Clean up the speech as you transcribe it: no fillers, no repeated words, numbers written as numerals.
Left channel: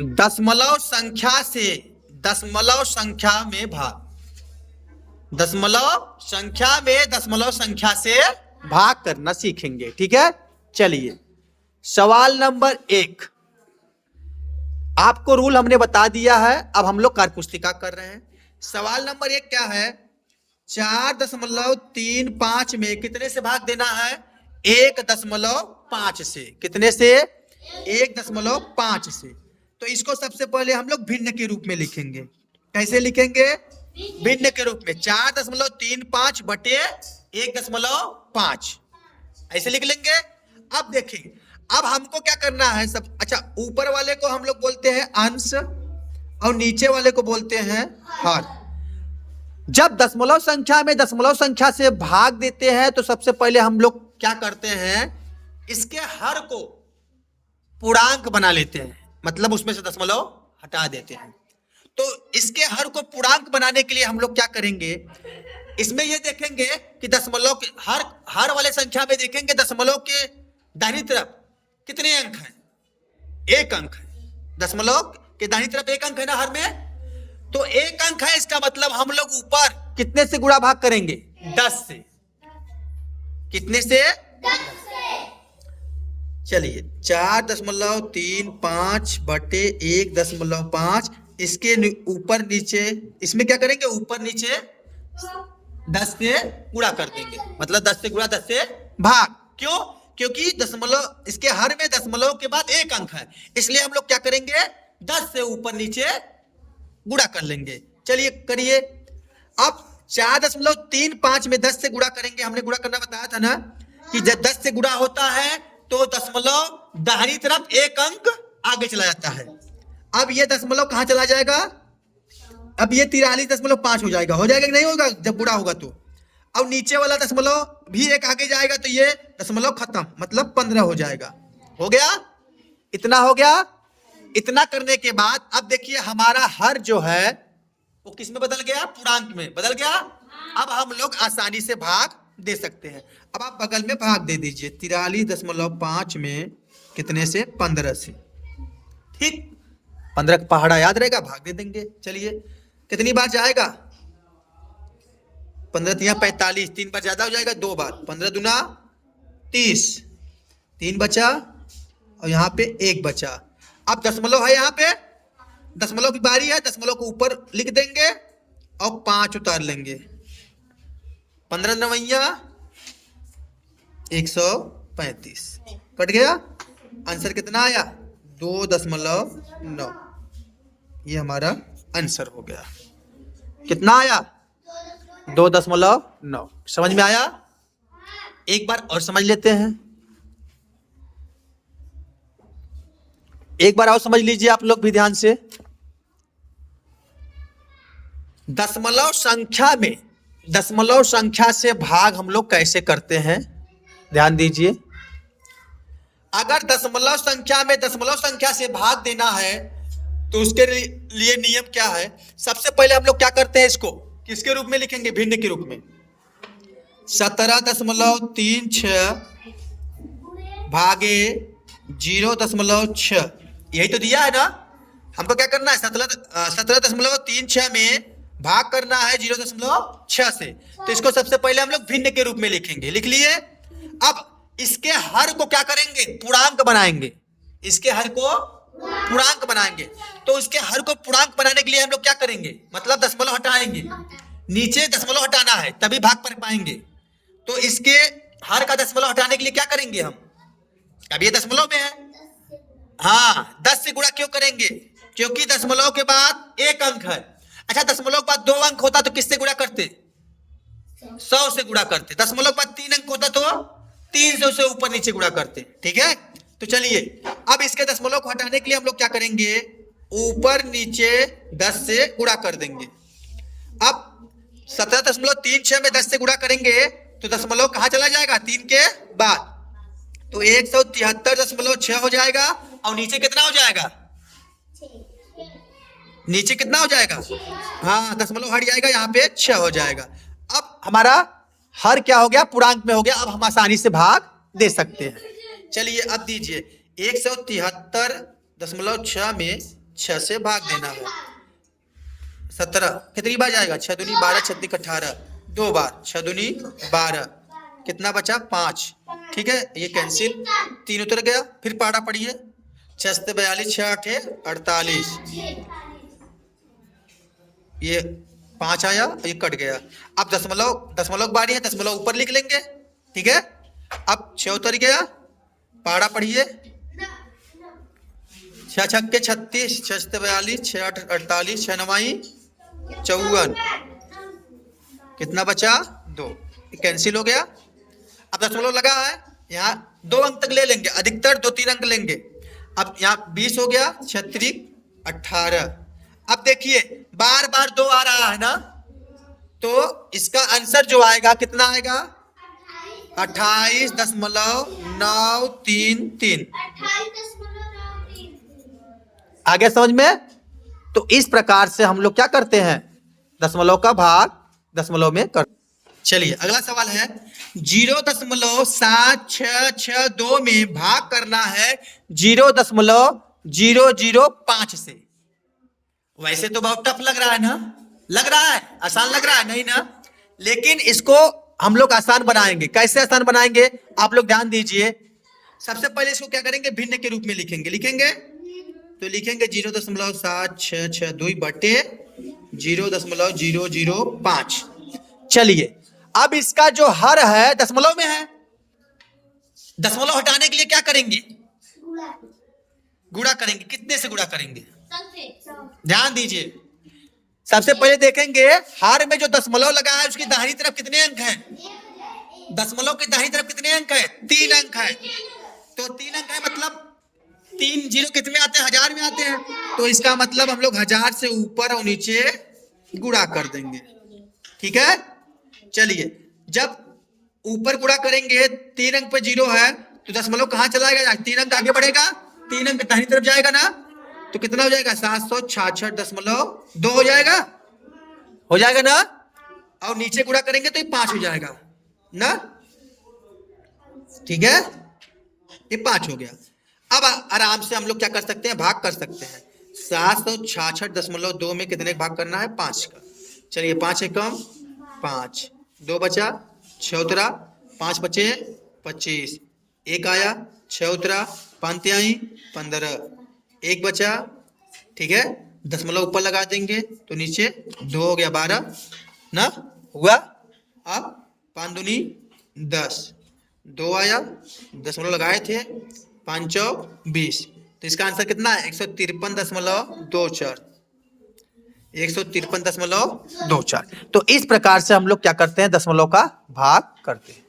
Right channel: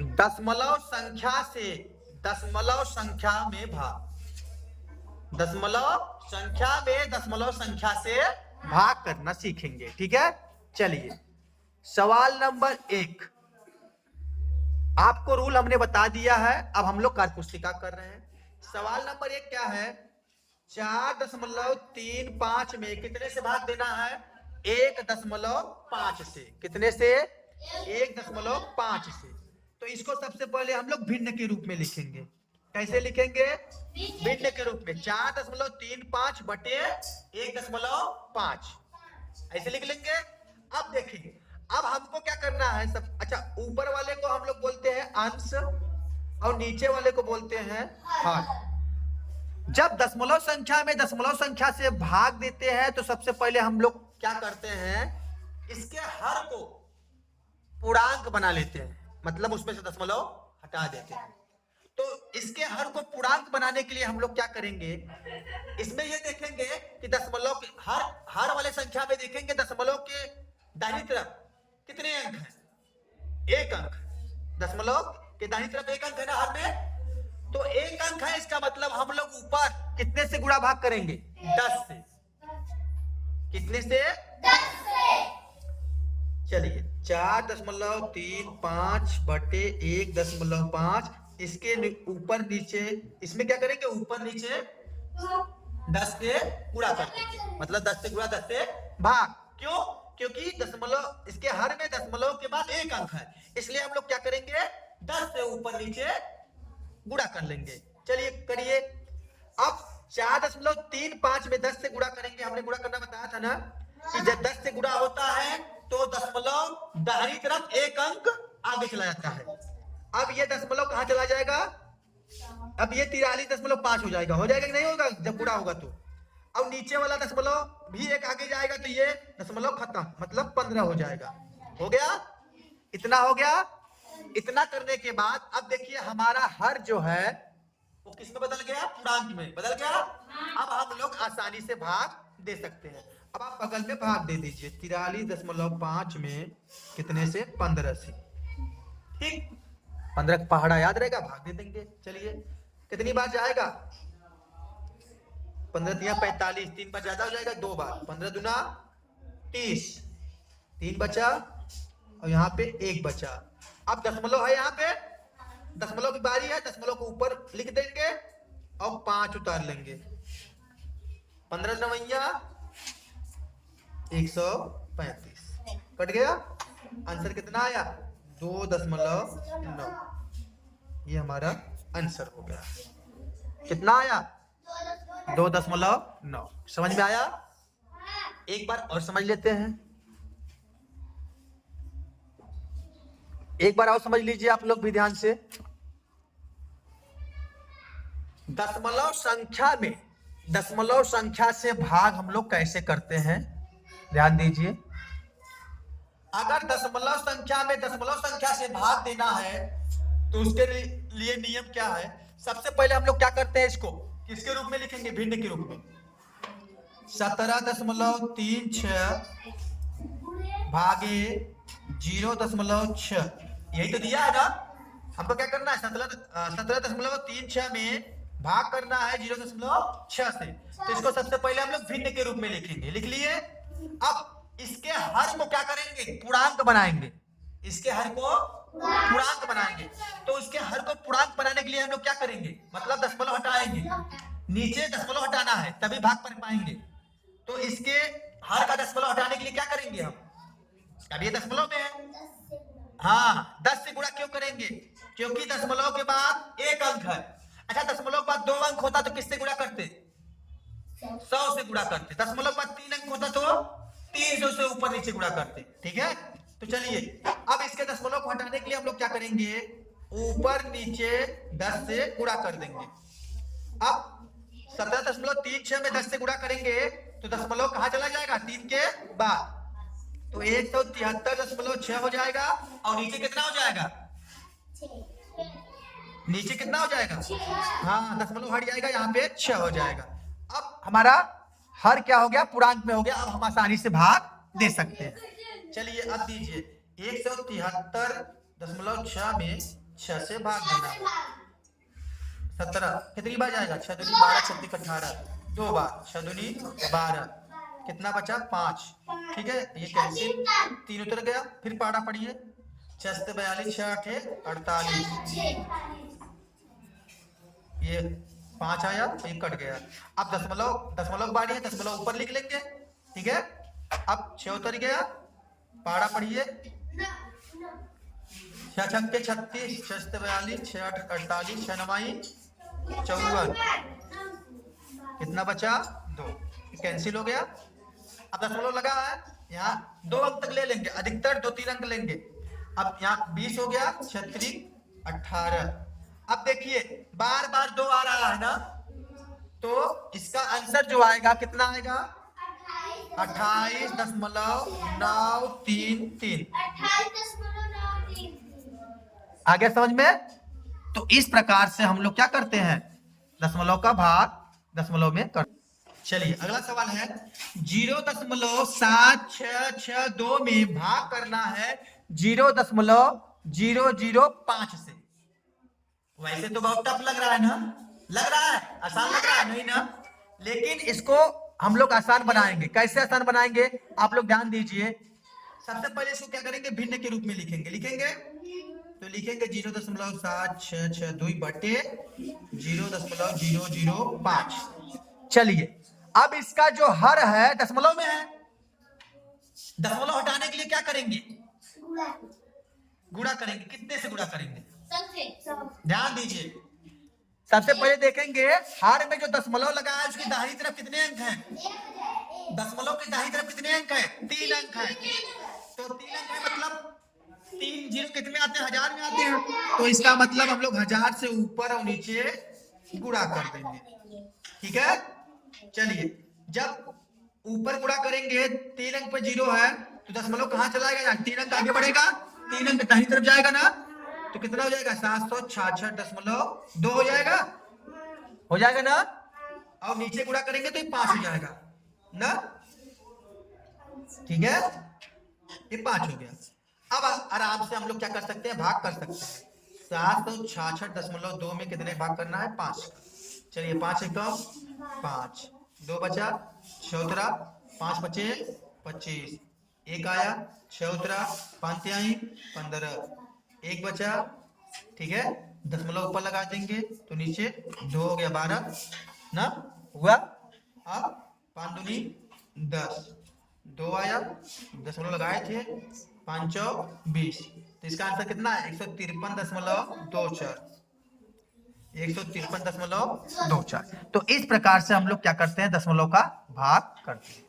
दशमलव संख्या से दशमलव संख्या में भाग, दशमलव संख्या में दशमलव संख्या से भाग करना सीखेंगे। ठीक है, चलिए सवाल नंबर 1। आपको रूल हमने बता दिया है, अब हम लोग कार्यपुस्तिका कर रहे हैं। सवाल नंबर 1 क्या है? 4.35 में कितने से भाग देना है? 1.5 से। कितने से? 1.5 से। तो इसको सबसे पहले हम लोग भिन्न के रूप में लिखेंगे। कैसे लिखेंगे? भिन्न के रूप में 4.35 बटे 1.5 ऐसे लिख लेंगे। अब देखिए, अब हमको क्या करना है सब। अच्छा, ऊपर वाले को हम लोग बोलते हैं अंश और नीचे वाले को बोलते हैं हर। जब दशमलव संख्या में दशमलव संख्या से भाग देते हैं तो सबसे पहले हम लोग क्या करते हैं, इसके हर को पूर्णांक बना लेते हैं, मतलब उसमें से दशमलव हटा देते हैं। तो इसके हर को पूर्णांक बनाने के लिए हम लोग क्या करेंगे, इसमें ये देखेंगे कि दशमलव के हर वाले संख्या में देखेंगे दशमलव के दाहिनी तरफ कितने अंक हैं? 1 अंक है। दशमलव के दाहिनी तरफ 1 अंक है ना हर में, तो 1 अंक है। इसका मतलब हम लोग ऊपर कितने से गुणा भाग करेंगे? 10 से। कितने से? 10 से। चलिए 4.35 बटे 1.5, इसके ऊपर नीचे, इसमें क्या करेंगे? ऊपर नीचे 10 से गुणा कर देंगे, मतलब 10 से गुणा 10 से भाग। क्यों? क्योंकि दशमलव, इसके हर में दशमलव के बाद 1 अंक है, इसलिए हम लोग क्या करेंगे? 10 से ऊपर नीचे गुणा कर लेंगे। चलिए करिए। अब 4.35 में 10 से गुणा करेंगे। हमने गुणा करना बताया था ना कि जब 10 से गुणा होता है तो दशमलव दाहिनी तरफ 1 अंक आगे चला जाता है। अब ये दशमलव कहां चला जाएगा? अब ये 43.5 हो जाएगा। हो जाएगा कि नहीं होगा जब गुणा होगा तो? अब नीचे वाला दशमलव भी 1 आगे जाएगा तो ये दशमलव खत्म, मतलब 15 हो जाएगा। हो गया? इतना हो गया। इतना करने के बाद अब देखिए हमारा हर जो है वो किस में बदल गया? पूर्णांक में बदल गया। अब हम लोग आसानी से भाग दे सकते हैं। अब आप बगल में भाग दे दीजिए। 43.5 में कितने से? 15 से। ठीक, 15 का पहाड़ा याद रहेगा, भाग दे देंगे। चलिए कितनी बार जाएगा? 15 3 45, 3 बार ज्यादा हो जाएगा, 2 बार। 15 दूना 30, 3 बचा और यहाँ पे 1 बचा। अब दशमलव है, यहाँ पे दशमलव की बारी है, दशमलव को ऊपर लिख देंगे और 5 उतार लेंगे। 15 नवैया 135 कट गया। आंसर कितना आया? 2.9। ये हमारा आंसर हो गया। कितना आया? 2.9। समझ में आया? एक बार और समझ लेते हैं। एक बार और समझ लीजिए आप लोग भी ध्यान से। दशमलव संख्या में दशमलव संख्या से भाग हम लोग कैसे करते हैं, ध्यान दीजिए। अगर दशमलव संख्या में दशमलव संख्या से भाग देना है तो उसके लिए नियम क्या है? सबसे पहले हम लोग क्या करते हैं, इसको किसके रूप में लिखेंगे? भिन्न के रूप में। 17.36 भागे 0.6, यही तो दिया है ना। हमको क्या करना है? 17.36 में भाग करना है 0.6 से। तो इसको सबसे पहले हम लोग भिन्न के रूप में लिखेंगे। लिख लिए। अब इसके हर को क्या करेंगे? पूर्णांक बनाएंगे। इसके हर को पूर्णांक बनाएंगे। तो इसके हर को पूर्णांक बनाने के लिए हम लोग क्या करेंगे? मतलब दशमलव हटाएंगे। नीचे दशमलव हटाना है तभी भाग कर पाएंगे। तो इसके हर का दशमलव हटाने के लिए क्या करेंगे हम? अब ये दशमलव में है, हाँ, 10 से गुणा क्यों करेंगे? क्योंकि दशमलव के बाद 1 अंक है। अच्छा, दशमलव के बाद 2 अंक होता तो किससे गुणा करते? 100 से गुणा करते। दशमलव के बाद 3 अंक होता तो 300 से ऊपर नीचे गुणा करते। ठीक है, तो चलिए अब इसके दशमलव को हटाने के लिए हम लोग क्या करेंगे? ऊपर नीचे 10 से गुणा कर देंगे। अब 17.36 में 10 से गुणा करेंगे तो दशमलव कहां चला जाएगा? 3 के बाद, तो 173.6 हो जाएगा। और नीचे कितना हो जाएगा? नीचे कितना हो जाएगा? हाँ, दशमलव हट जाएगा, यहाँ पे 6 हो जाएगा। अब हमारा हर क्या हो गया? पूर्णांक में हो गया। अब हम आसानी से भाग दे सकते हैं। चलिए अब दीजिए। 173.6 में 6 से भाग देना है। 17 कितनी बार जाएगा? 6 दूनी 12, 6 तिक 18, 2 बार, 6 दूनी 12, कितना बचा? 5। ठीक है, ये कैंसिल, 3 उतर गया। फिर पाड़ा पढ़िए, 6 से 42, 6 8 48, ये 5 आया, ये कट गया। अब दशमलव, दशमलव बारी है, दशमलव ऊपर लिख लेंगे। ठीक है, अब 6 उतर गया, पाड़ा पढ़िए, 6 छक्के 36, 6 से 42, 6 8 48, 6 9 54, कितना बचा? 2, कैंसिल हो गया। अब दशमलव लगा है, यहाँ 2 अंक तक ले लेंगे, अधिकतर 2-3 अंक लेंगे। अब यहाँ 20 हो गया, 36 18। अब देखिए बार बार 2 आ रहा है ना, तो इसका आंसर जो आएगा कितना आएगा? 28.933। आगे समझ में? तो इस प्रकार से हम लोग क्या करते हैं? दशमलव का भाग दशमलव में कर। चलिए अगला सवाल है, 0.7662 में भाग करना है 0.005 से। वैसे तो बहुत टफ लग रहा है ना? लग रहा है? आसान लग रहा है नहीं ना? लेकिन इसको हम लोग आसान बनाएंगे। कैसे आसान बनाएंगे? आप लोग ध्यान दीजिए। सबसे पहले इसको क्या करेंगे? भिन्न के रूप में लिखेंगे। लिखेंगे तो लिखेंगे 0.7662 बटे 0.005। चलिए अब इसका जो हर है दशमलव में है, दशमलव हटाने के लिए क्या करेंगे? गुणा करेंगे। कितने से गुणा करेंगे? ध्यान दीजिए, सबसे पहले देखेंगे हार में जो दशमलव लगा है उसकी दाहिनी तरफ कितने अंक हैं? दशमलव की दाहिनी तरफ कितने अंक है? 3 अंक है। तो 3 अंक है मतलब 3 जीरो कितने आते हैं? 1000 में आते हैं। तो इसका मतलब हम लोग 1000 से ऊपर और नीचे गुणा कर देंगे। ठीक है, चलिए जब ऊपर गुणा करेंगे 3 अंक पे 0 है तो दशमलव कहाँ चला जाएगा? 3 अंक आगे बढ़ेगा, 3 अंक दाहिनी तरफ जाएगा ना, तो कितना हो जाएगा? 766.2 हो जाएगा। हो जाएगा ना? और नीचे गुणा करेंगे तो ये 5 हो जाएगा ना। ठीक है, ये 5 हो गया। अब आराम से हम लोग क्या कर सकते हैं? भाग कर सकते हैं। 766.2 में कितने भाग करना है? 5 का। चलिए 5 एकम 5, 2 बचा, 6 उतरा, 5 बचे 25, 1 आया, 6 उतरा, 5 आई 15, 1 बचा। ठीक है, दशमलव ऊपर लगा देंगे तो नीचे 2 हो गया 12 ना हुआ। अब 5 दूनी 10, 2 आया, दशमलव लगाए थे, 5 20, तो इसका आंसर कितना है? 153.24। 153.24। तो इस प्रकार से हम लोग क्या करते हैं? दशमलव का भाग करते हैं।